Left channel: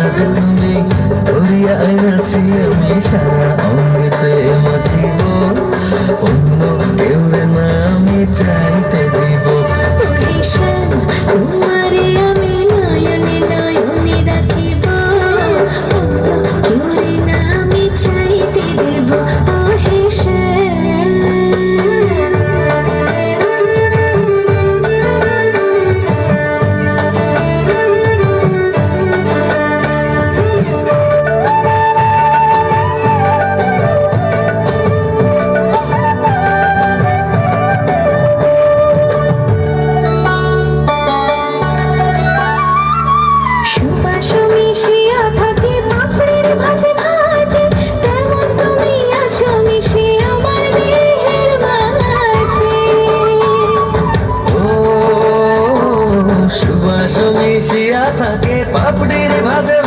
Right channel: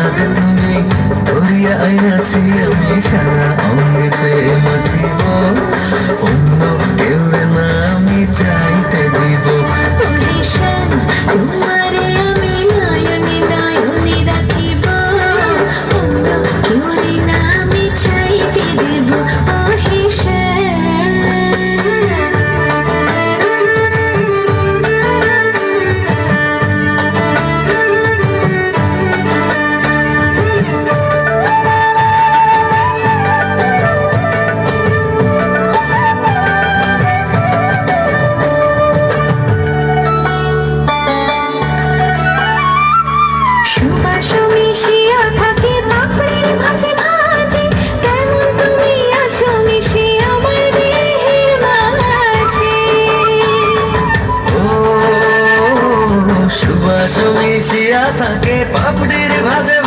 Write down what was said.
চাঁদ তুমি ধরিয়া আইনাছি আমি সারা অঙ্গেতে মাখিব অন্য কেউ না আমি চাইতে দিব তোমারে আমি নয়নে নয়নে রাখিব অন্য কেউ না আমি চাইতে দেব ও হেসে সুবাস মিশিয়া থাকে পাপড়ির ভাজে ভাজে তেমন তুমি আছো মিশে আমার দেহের মাঝে ও সুবাস মিশিয়া থাকে পাপড়ির ভাজে